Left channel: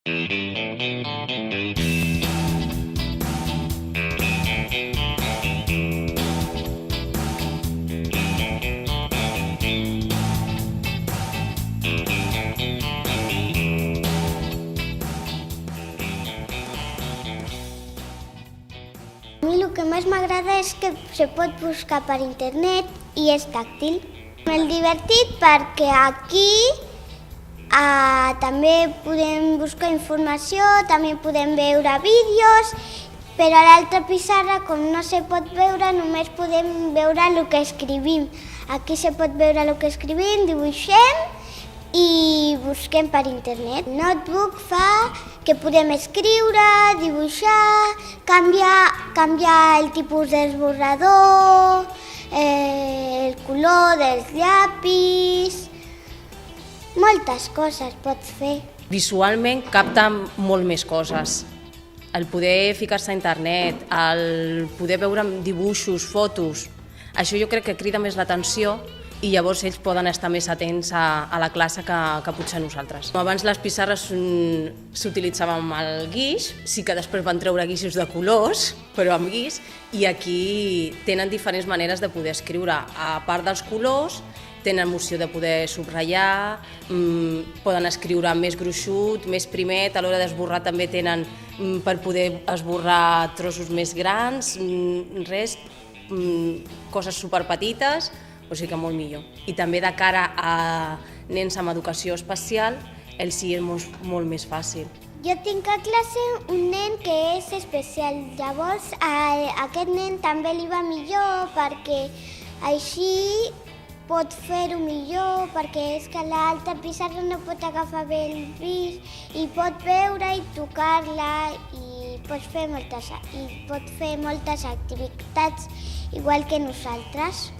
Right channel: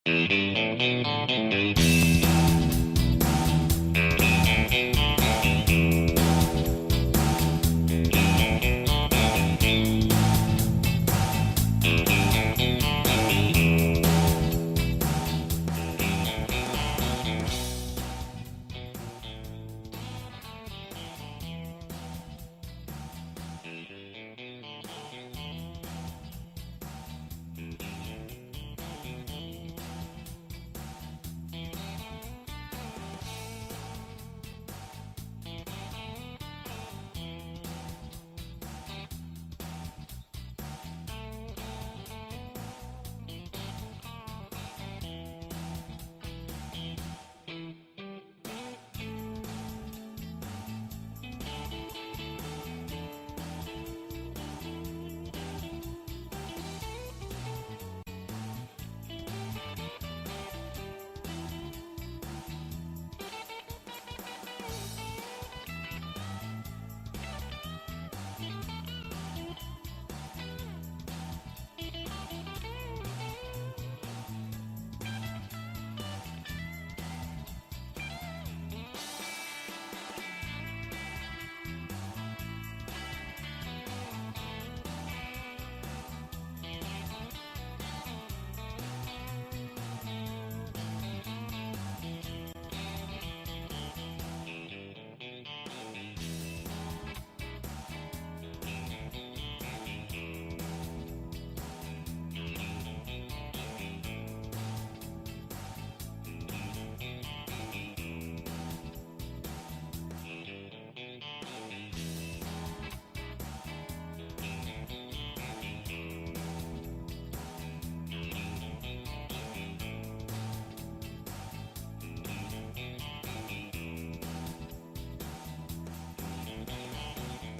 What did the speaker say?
A mi el que més m'agrada és que se pot buscar per internet i és tàctil. És divertit perquè aquí també podem buscar informació, també podem veure vídeos, però a l'altra pissarra, com no se pot veure, només podem veure el que escrivim. Aquí se pot veure el que escrivim, dibuixem i busquem per internet. El notebook fa que podem escriure, dibuixar, canviar el tipus d'esborrador, el color dels llapis, moltes coses pots fer. Visualment capta molt més coses. El poder ficar-se a internet, el poder veure dibuixos, fotos, això jo crec que crida més l'atenció i llavors ells poden estar més atents a la classe que potser nosaltres. Abans les pissarres s'utilitzaven amb el guix, sí que després van treure guixos de colors, però amb guix, i aquí tenen diferents maneres de poder escriure. A part dels colors, tenen l'opció de poder subratllar, poden escriure més gruixut, més primet, a l'hora d'esborrar també tenen per poder esborrar trossos més grans, coses superpetites, o sigui que molt millor. I també de cara a nens amb educació especial, els sí és molt més fàcil. Jo tinc a classe un nen que és especial, llavors a aquest nen també li va millor perquè així pot fer-ho millor, perquè és que l'altra pissarra no pot agafar bé el guix i pot veure i tocar-la i pot fer moltes activitats igual que nosaltres.